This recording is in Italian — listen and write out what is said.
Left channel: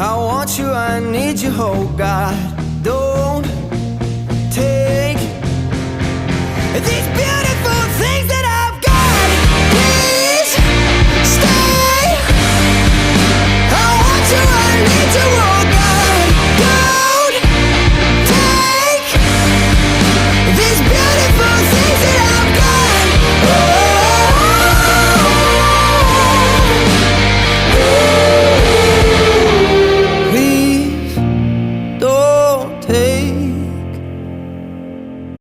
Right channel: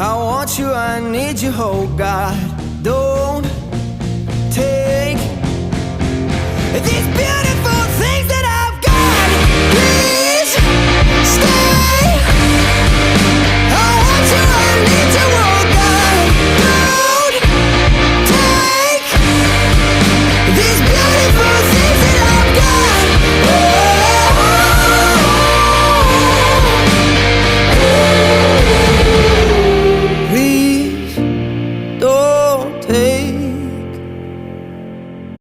I want you, I need you, oh God. Don't take these beautiful